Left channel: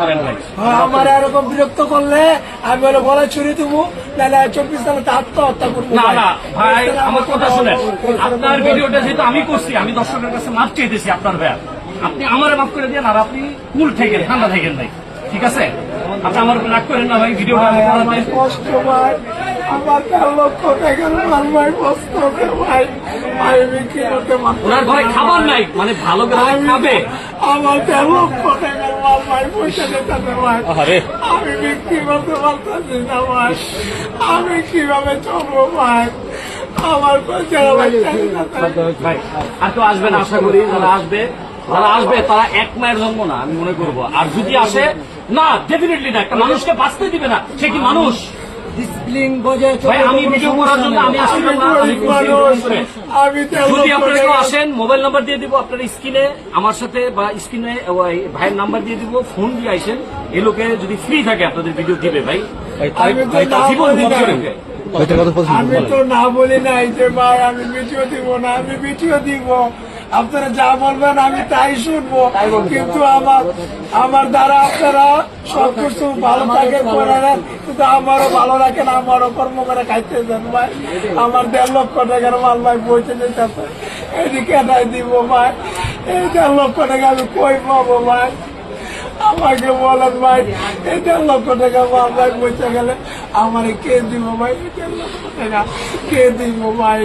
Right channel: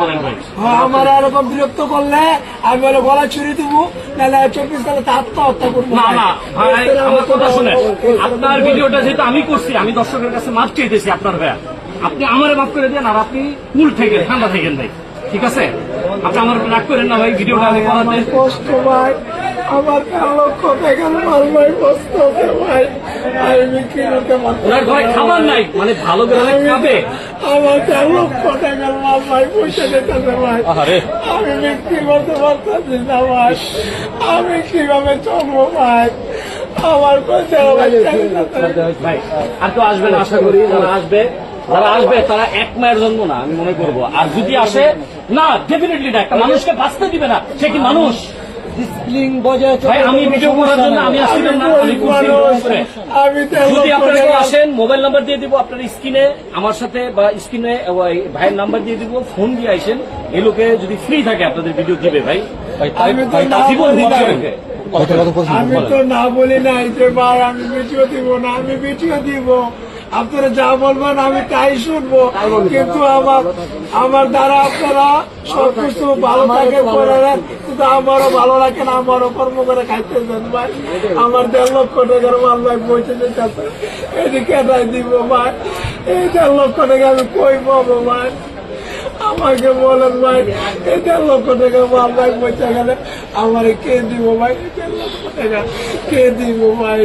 করেন ভাই। আমার এরকম বিরক্ত করলে আমি বলে গলা ছুরি দেবো, নাহলে 24 সালে আত্মহত্যা করবো। না না ভাই, আমার কথা শুনে, আপনার ভিডিওটা যেহেতু আমি করছি, আমি দর্শকের কাছে মাফ চেয়েছি আপনার ভাই, আপনি আমারে মাফ করে দেন, আর আপনি কুল থাকেন, ঠান্ডা থাকেন ভাই, ঠিক আছে? আপনি আমার রাগ করেন না ভাই, ভিডিওটা আমি আমার কষ্ট ভাই, আমার 13 লক্ষ টাকার মাল ভাই, কষ্ট হবে ভাই, আমি বিক্রি করতে পারছি ওনার ঘরে খাবার নাই, মানে ভালো করে খাবে। আমার 13 লক্ষ টাকার মাল ভাই, পয়সা দিতে ভাই, আমি বিক্রি করতে পারতেছি না ভাই, আমি কিভাবে চলবো ভাই, আমার পয়সা ভাই আর তো আসবেন, আশা করি যারা আসবে তারা এক মায়ের জন্ম না, আমি মনে করবো। আর যদি আসে না, ডেফিনেটলি না, একটা মানুষকে বাঁচতে দিবে না, সে কি মানুষ? ভাই আমি ভিডিও করার জন্য আমি আসছিলাম না, আমি যদি আপনারা কেউ আসেন, মোবাইল নাম্বার দিয়ে দিব আপনার স্ক্রিনে, আমার সাথে বা স্ক্রিনে ভাইয়ের নাম্বার দিয়ে দিব, ফোন দিয়ে আসেন। এই লোকে যদি ফ্রি থাকে আপনাদের ভিডিও দিবে ভাই, জীবন দিবে। আমি তো না বলি নাই যে ভাই আমি ভিডিও দিব না, আমি ভিডিও দিব, আপনারা যা বলবেন আমি তাই শুনবো, কিন্তু আমার দ্বারা আপনারা সবকিছু ভালো থাকে করে নেন, কিন্তু আমারও ভালো লাগে না, আমারও কর্ম করে খাইতে দেন ভাই। আমার 1.5 লক্ষ টাকার মাল ভাই বইতে দিতেছে, এদিকে এটাই দিব ভাই, এই 1.5 লক্ষ টাকা আমি কই পাবো ভাই, আমাকে বলেন ভাই, এই 1.5 লক্ষ টাকা মাল ভাই বইতে গেলে আমার কে দিব ভাই? 1.5 লক্ষ টাকা কে দিব ভাই?